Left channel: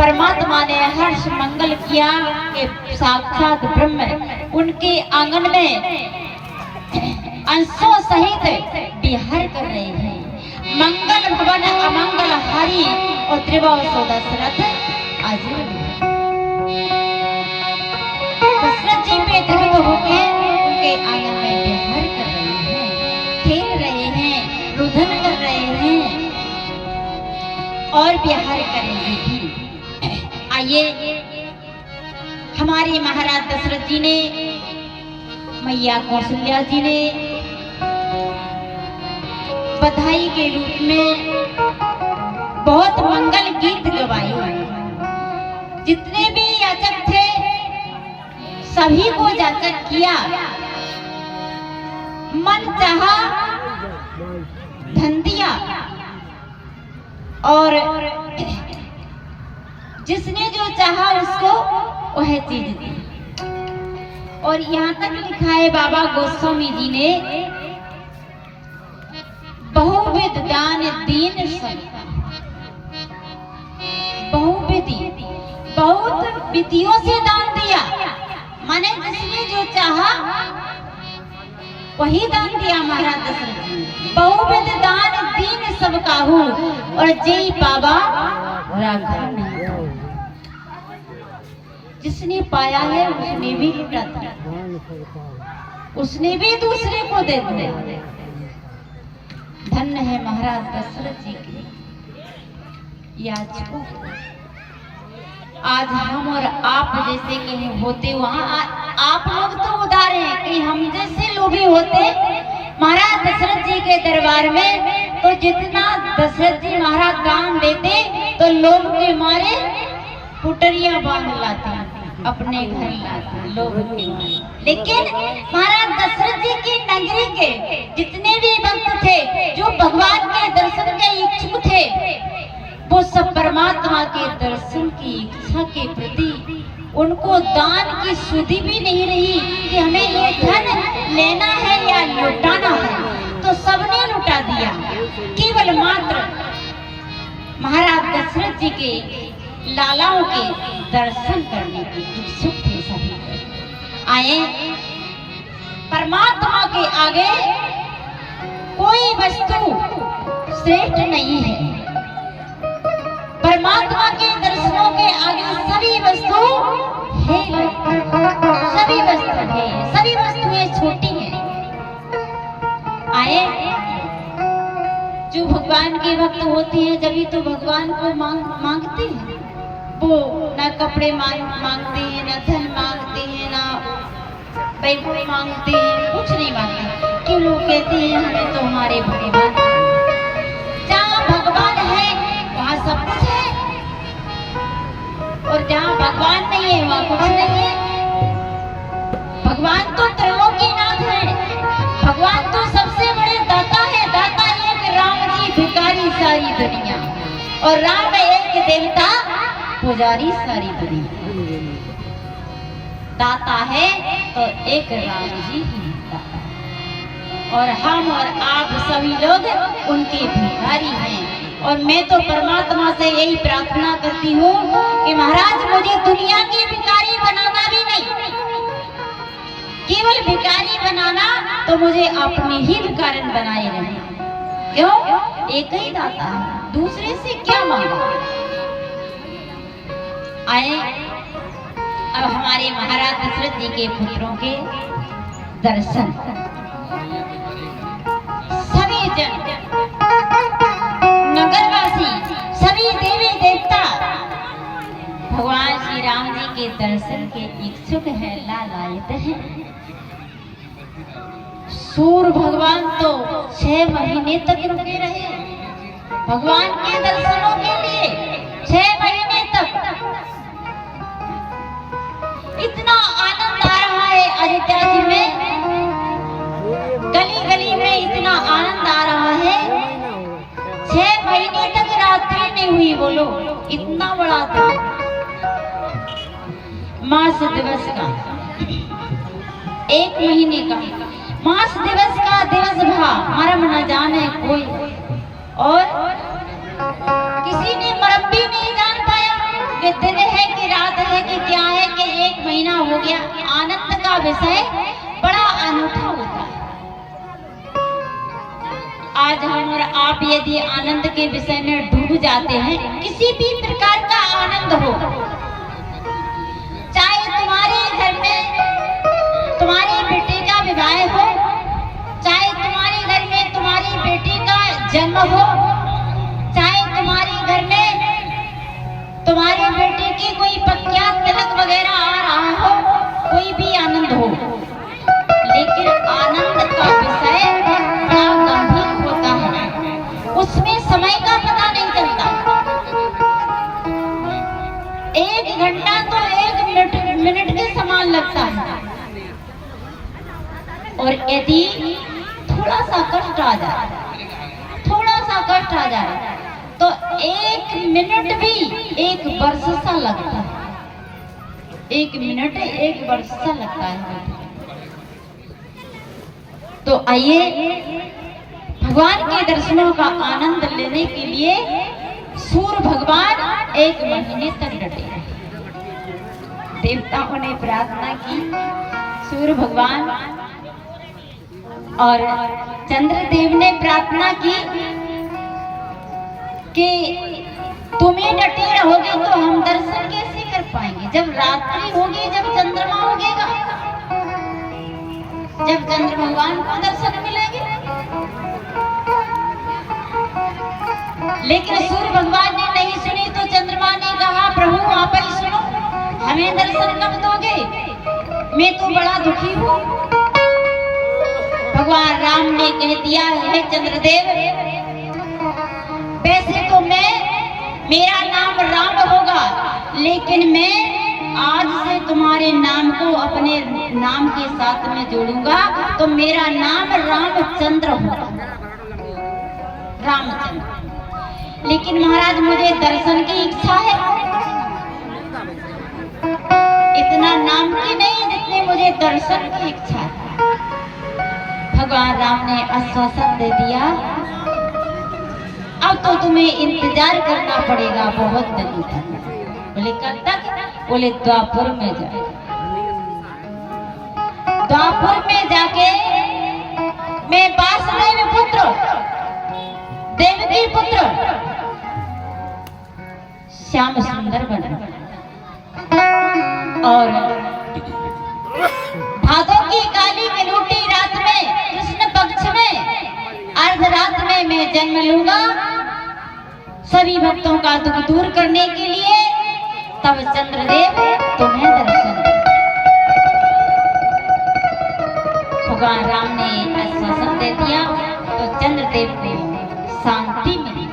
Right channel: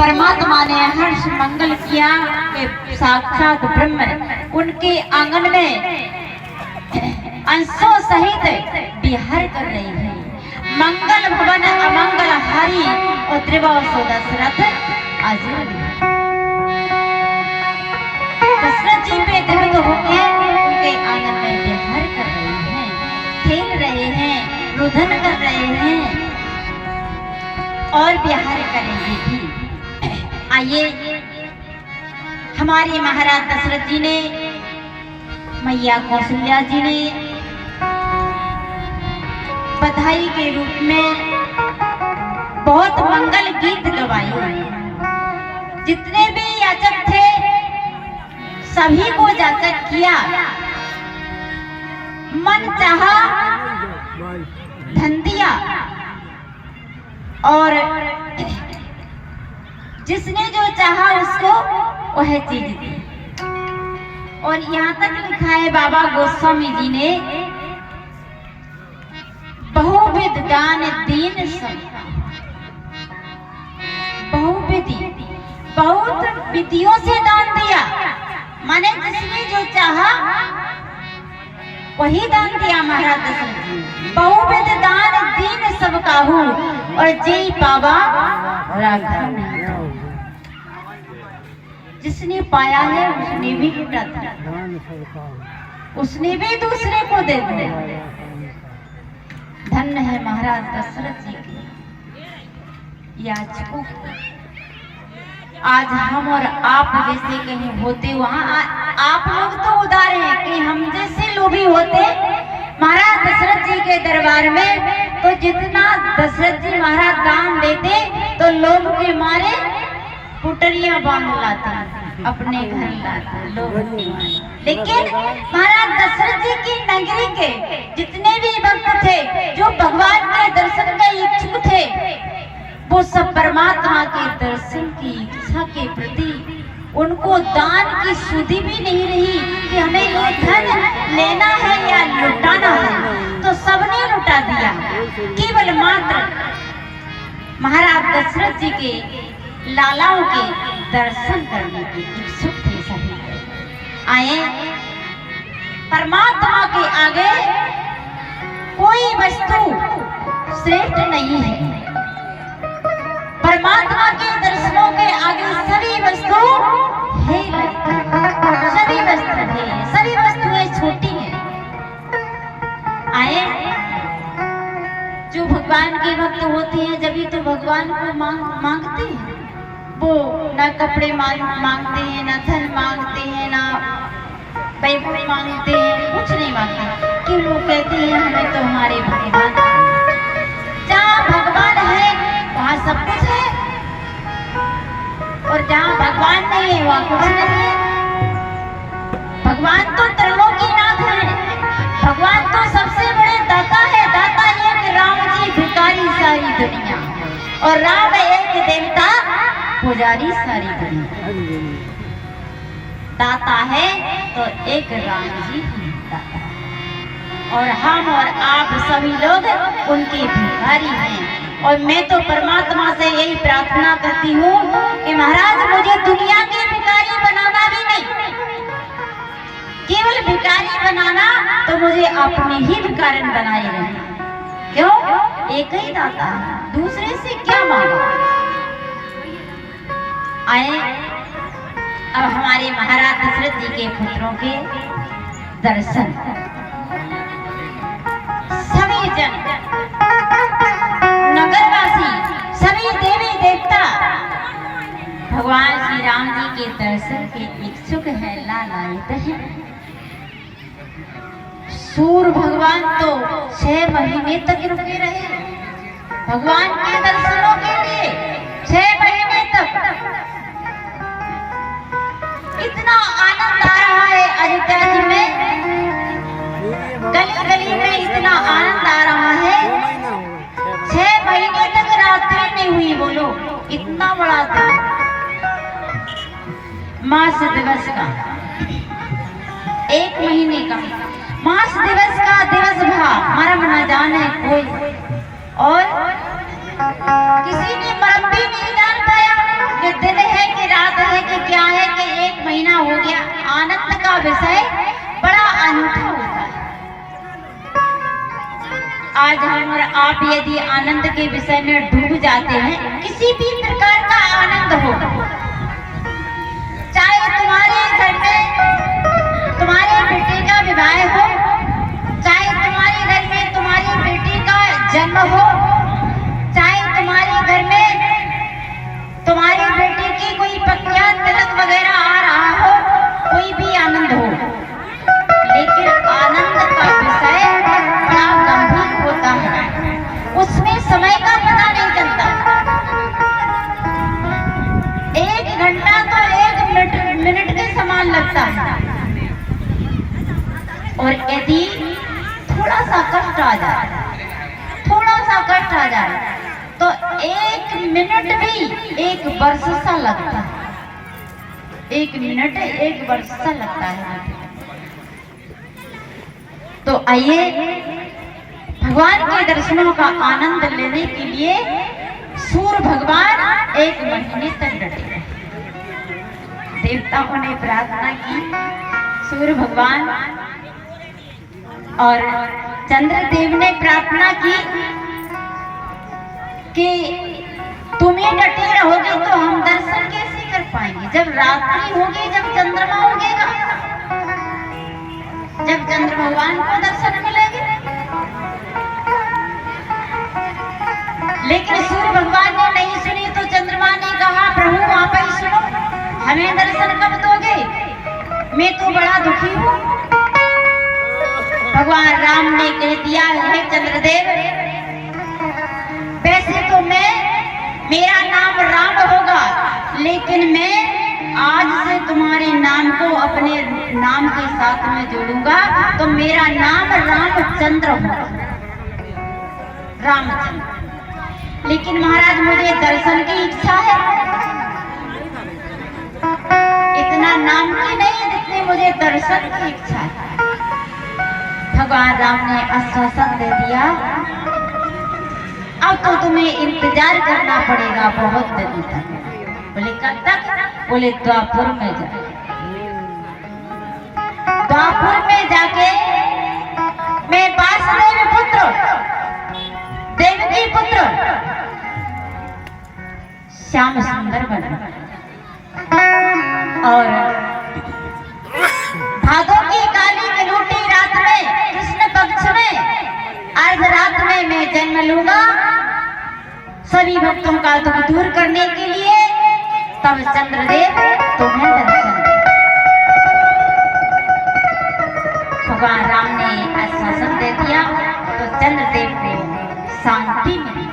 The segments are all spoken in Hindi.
परमात्मा ने हर्ष मंगल किया कि साक्षात ब्रह्म उनके आंगन में अंशों सहित विहार कर रहे हैं। मंगल भवन अमंगल हरि और त्रिवसु दशरथ आजीवन। दशरथ जी पे दृढ़ होकर उनके आंगन में विहार कर रहे हैं, खेल रहे हैं, रुदन कर रहे हैं और विहार करेंगे भी। आइए, हमारे महाराज दशरथ जी ने, मैया कौशल्या जी ने बधाई के रूप में बहुत मंगल गीत गवाए। जितने भी याचक थे सभी को जाकर किया, मन चाहा धन दिया और जिसने जो चाहा उसको वह चीज दी। और यहाँ तक लिखा है बाबा गोस्वामी जी ने, बहुविध दान दीन सबका, बहुविधि बहुत विधियों से दान दिया, माने जिसने जो चाहा वही दान दिया महाराज दशरथ जी। बहुविध दान दीन सबका हूँ और जय पावा राघव ने। जिसने पाया है उसने भी लुटा दिया, उसने भी दूसरे को दे दिया। धन्य है महाराज दशरथ जी के याचकों। आज हम और आप जैसे कहीं होते, वहाँ आप लोग तो उदार हैं, कहीं हम जैसे लोभी होते महाराज दशरथ जी के दरबार में, तो जितना दशरथ जी महाराज दान देते तो लोग के मारे पुटरियां बांध लाते, अपने घर लाते लोग के मारे। लेकिन महाराज दशरथ जी की नगरी के जितने भी भक्त थे जो भगवान के दर्शन के इच्छुक थे, वो सब परमात्मा के दर्शन की इच्छा के प्रति उनको दान की सुधि भी नहीं रही कि हमें ये धन लेना है या लुटाना है, तो सबने लुटा दिया। केवल मात्र महाराज दशरथ जी के लालाओं के दर्शन करने के इच्छुक थे सभी। आए, परमात्मा के आगे कोई वस्तु श्रेष्ठ नहीं है। परमात्मा के दर्शनों के आगे सभी वस्तु है, सभी वस्तु है, सभी वस्तुएं छोटी हैं। आए, जो भगवान के भक्त होते हैं जब तो भगवान को मांगते हैं, वो ना कपड़े मांगते हैं, ना धन मांगते हैं, ना वैभव मांगते हैं, कुछ नहीं मांगते। क्यों? लोग कहते हैं हमें तो हमारे भगवान, जहाँ भगवान है वहाँ सब कुछ है और जहाँ भगवान नहीं है वहाँ कुछ नहीं है। भगवान तो त्रिलोकीनाथ है, भगवान तो सबसे बड़े दाता है। दाता एक राम जी, भिखारी सारी दुनिया, और राम एक देवता, पुजारी सारी दुनिया। दाता है तो एक राम जी ही दाता, और हम और आप सभी लोग उनके भिखारी हैं। और मैं तो परमात्मा से यही प्रार्थना करती हूँ कि महाराज मुझे दुनिया की भिखारी बनाना भी नहीं, केवल भिखारी बनाना तो मुझे अपने ही भिखारन बनाए रहे। क्यों? एक ही दाता है, दूसरे से क्या मांगा। आए, अब हमारे महाराज दशरथ जी के पुत्रों के दर्शन। सभी जन, नगरवासी, सभी देवी देवता भगवान श्री राम जी के दर्शन के इच्छुक है, लालायित है। सूर्य भगवान तो 6 महीने तक रुके रहे भगवान के दर्शनों के लिए, 6 महीने तक। इतना आनंद आ रहा है अयोध्या जी में, गली गली में इतना आनंद आ रहा है। 6 महीने तक रात्रि नहीं हुई, बोलो इतना बड़ा दिन। मास दिवस का 1 महीने का मास दिवस का दिवस भा मरम न जाने कोई, और किसी ने मरम भी नहीं जान पाया कि विषय बड़ा अनूठा होता है। आज हम और आप यदि आनंद के विषय में डूब जाते हैं, किसी भी प्रकार का आनंद हो, चाहे तुम्हारे घर में तुम्हारे बेटे का विवाह हो, चाहे तुम्हारे घर में तुम्हारी बेटी का जन्म हो, चाहे तुम्हारे घर में तुम्हारी बेटी की कोई पक्का तिलक वगैरह आ रहा हो, कोई भी आनंद हो, लेकिन आनंद का विषय बड़ा गंभीर होता है। उसमें समय का पता नहीं चलता। 1 घंटा तो 1 मिनट के समान लगता है। और यदि थोड़ा सा कष्ट आ जाए, थोड़ा सा कष्ट आ जाए, तो 1 मिनट भी 1 वर्ष सा लगता है। 1 मिनट 1 वर्ष सा लगता है। तो आइए भगवान के दर्शनों का आनंद लेने के लिए सूर्य भगवान 1 महीने तक डटे रहे। देवताओं ने प्रार्थना की, सूर्य भगवान और चंद्रदेव ने प्रार्थना की कि तुम्हें डटे रहोगे तो हम दर्शन कैसे कर पाएंगे? जब रात्रि होगी, जब चंद्रमा उगेगा, जब चंद्र भगवान को दर्शन मिलेंगे। लेकिन सूर्य भगवान ने नहीं सुनी तो चंद्रमा ने कहा, प्रभु आप ही सुनो, हमें दर्शन कब दोगे? मैं तो बड़ा दुखी हूँ। भगवान राम ने कह दिया, है चंद्रदेव, वैसे तो मेरा नाम राम होगा, लेकिन मैं आज से तुम्हारे नाम को अपने नाम के साथ में जोड़ूंगा, तो मेरा नाम रामचंद्र होगा, रामचंद्र। लेकिन महाराज मुझे दर्शन की इच्छा है, इतना नाम की नहीं जितनी मुझे दर्शन की इच्छा है। भगवान राम ने आश्वासन दे दिया, अब तो तुम्हें इंतजार करना पड़ेगा बहुत दिनों तक। बोले कब तक? बोले द्वापुर में जाए। द्वापुर में जाके मैं वासुदेव पुत्र, देवकी पुत्र श्याम सुंदर बना, और भादों की काली कलूटी रात में, कृष्ण पक्ष में अर्धरात में मैं जन्म लूंगा सभी भक्तों का दुख दूर करने के लिए। तब चंद्रदेव तुम्हें दर्शन दे। भगवान राम ने आश्वासन दे दिया तो चंद्रदेव को शांति मिली।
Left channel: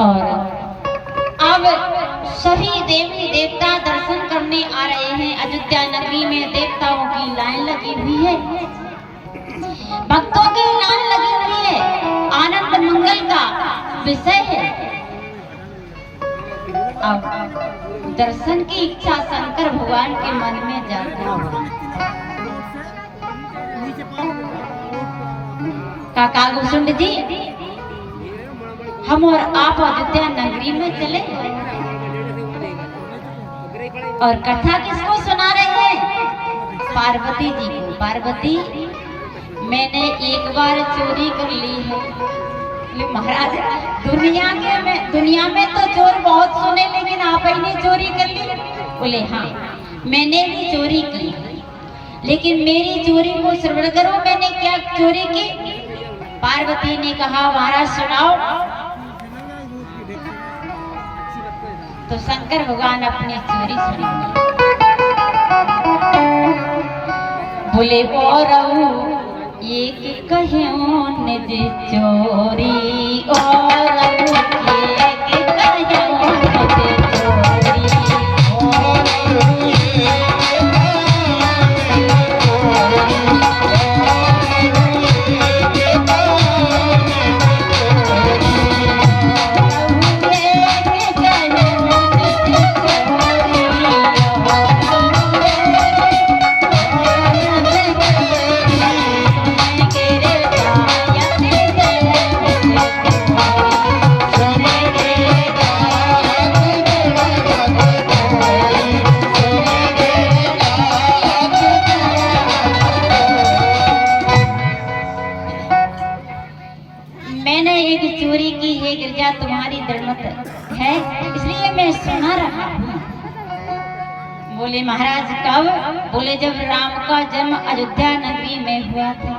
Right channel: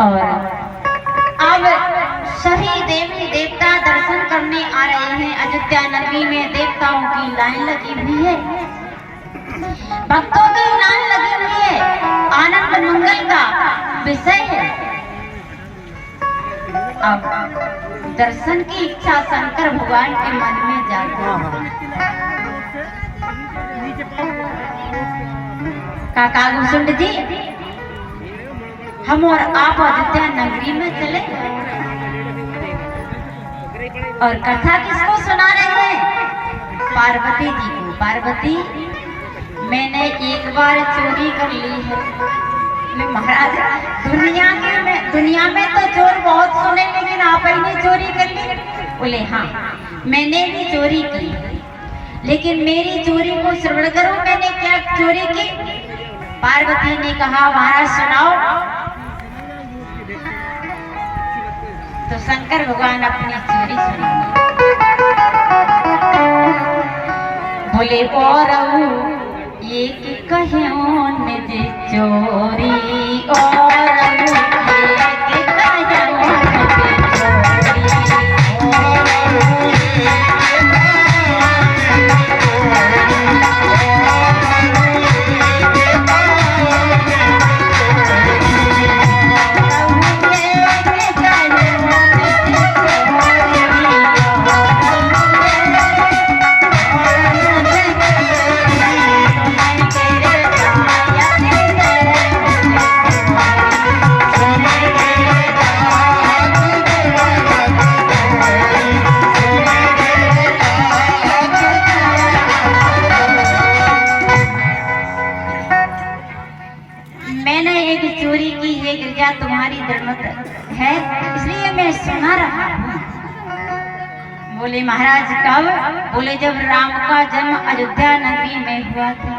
और अब सभी देवी देवता दर्शन करने आ रहे हैं। अयोध्या नगरी में देवताओं की लाइन लगी हुई है, भक्तों की लाइन लगी हुई है। आनंद मंगल का विषय है। अब दर्शन की इच्छा शंकर भगवान के मन में जागृत हो। काका घुसुंड जी, हम और आप अयोध्या नगरी में चले और कथा किसको सुना रहे हैं? पार्वती जी को। पार्वती, मैंने एक बार चोरी कर ली है। महाराज, दुनिया में तो चोर बहुत सुने, लेकिन आप ही ने चोरी कर ली? बोले हाँ, मैंने भी चोरी की, लेकिन मेरी चोरी को श्रवण करो, मैंने क्या चोरी की। पार्वती ने कहा, महाराज सुनाओ। तो शंकर भगवान अपनी चोरी सुनाओ। बोले और ये कि कहियों निज चोरी, और ये कि कहियों निज चोरी, जरूरत है, इसलिए मैं सुना रहा हूँ। बोले महाराज कब? बोले जब राम का जन्म अयोध्या नगरी में हुआ था।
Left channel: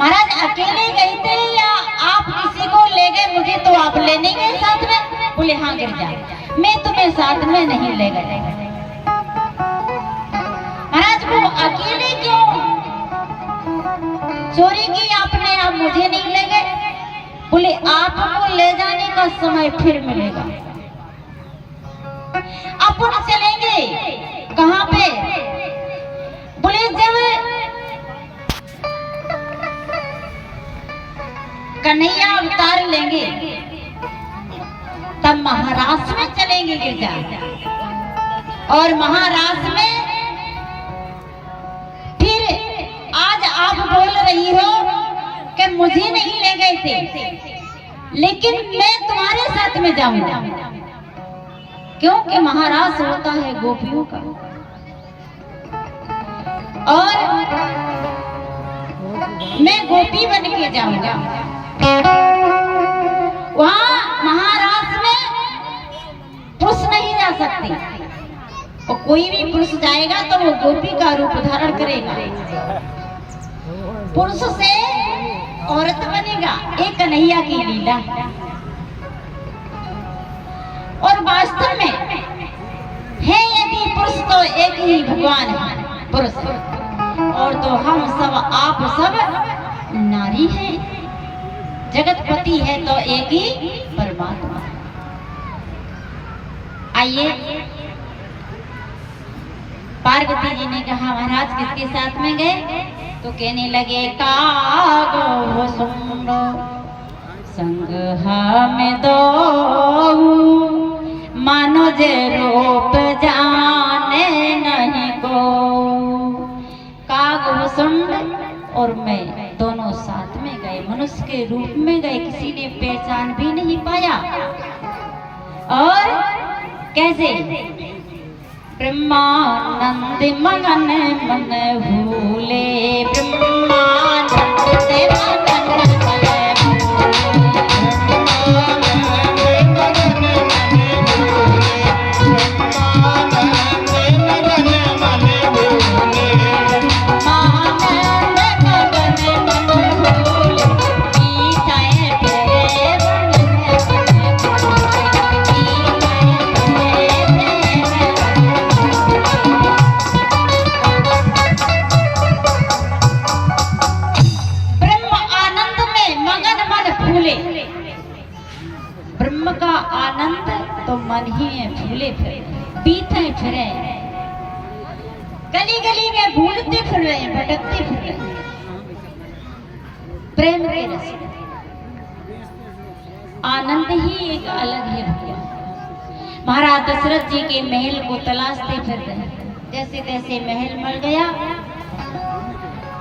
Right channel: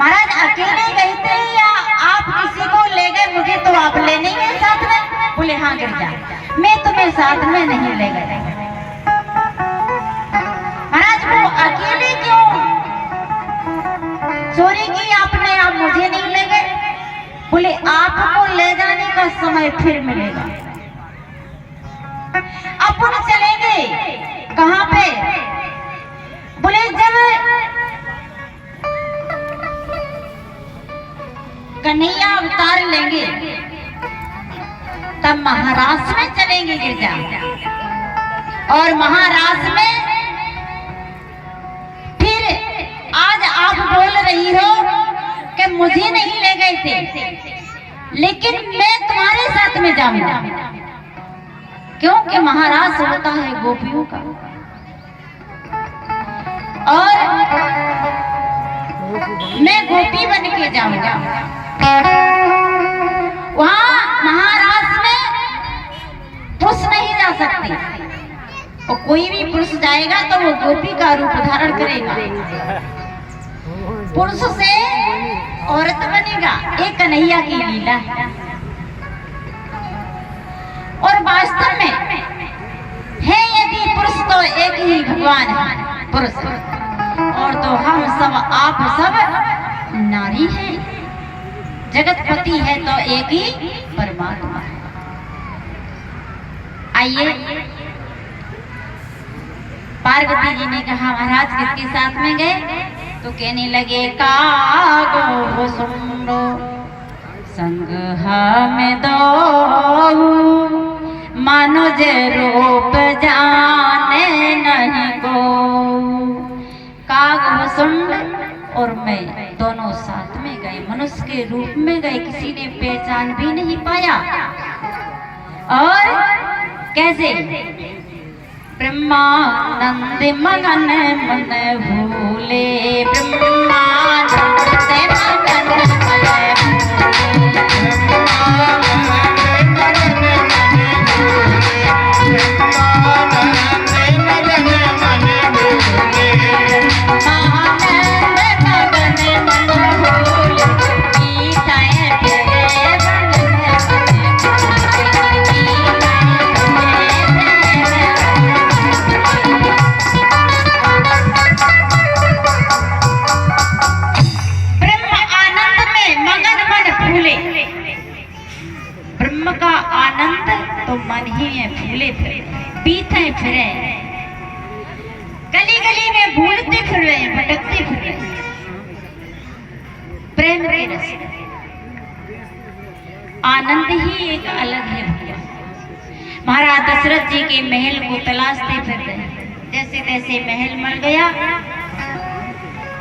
महाराज अकेले गए थे या आप किसी को ले गए? मुझे तो आप ले नहीं गए साथ में। बोले हाँ गिरजा, मैं तुम्हें साथ में नहीं ले गए। महाराज वो अकेले क्यों चोरी की आपने, आप मुझे नहीं ले गए? बोले आपको ले जाने का समय फिर मिलेगा, अपन चलेंगे। कहाँ पे? बोले जब कन्हैया अवतार लेंगे तब महाराष्ट्र में चलेंगे गिरजा। और महाराष्ट्र में फिर आज आप बोल रही हो कि मुझे नहीं ले गए थे, लेकिन मैं तुम्हारे साथ में जाऊंगा, क्योंकि महाराष्ट्र होता है गोपियों का। और मैं गोपी बन के जाऊंगा। वहां महाराष्ट्र में पुरुष नहीं जा सकते, और कोई भी पुरुष जाएगा तो वो गोपी का रूप धारण करेगा, पुरुष से औरत बनेगा। एक कन्हैया की लीला है। और वास्तव में है यदि पुरुष तो एक ही भगवान है पुरुष, और तो हम सब आप सब नारी हैं। जगतपति है तो एक ही परमात्मा है। आइए, पार्वती जी ने कहा महाराज किसके साथ में गए? तो कहने लगे कागो सुनो संग हमें दो, मानो जे रूप जाने नहीं को। काग सुंड और मैं दोनों साथ में गए, मनुष्य के रूप में गए, किसी ने पहचान भी नहीं पाया। और कैसे? ब्रह्मानंद मगन मन भूले, ब्रह्मानंद मगन पीते फिरे, गली गली में भूलते फिर रहे हैं, भटकते फिर रहे हैं प्रेम के रस। आनंद ही एक अलग है भैया। महाराज दशरथ जी के महल को तलाशते फिर रहे हैं। जैसे तैसे महल मिल गया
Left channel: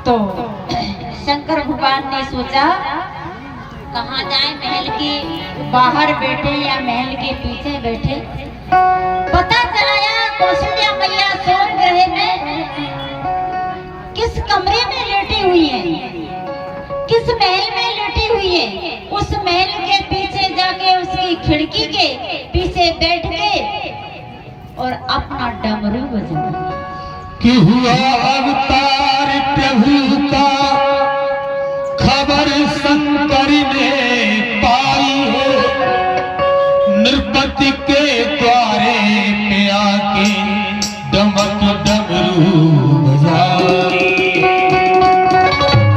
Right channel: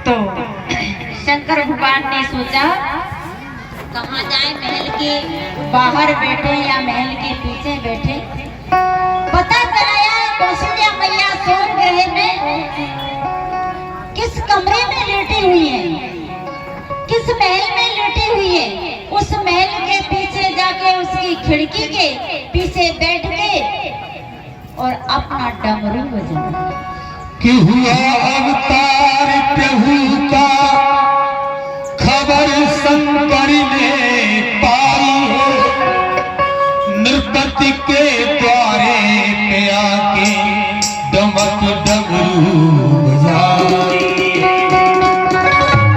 तो शंकर भगवान ने सोचा कहाँ जाए, महल के बाहर बैठे या महल के पीछे बैठे। पता चलाया कौशल्या मैया सोन ग्रह में किस कमरे में लेटी हुई है, किस महल में लेटी हुई है। उस महल के पीछे जाके उसकी खिड़की के पीछे बैठ के और अपना डमरू बजाया कि हुआ अवतार प्रभु का, खबर शंकर ने पाई हो। नृपति के द्वारे पे आके दमक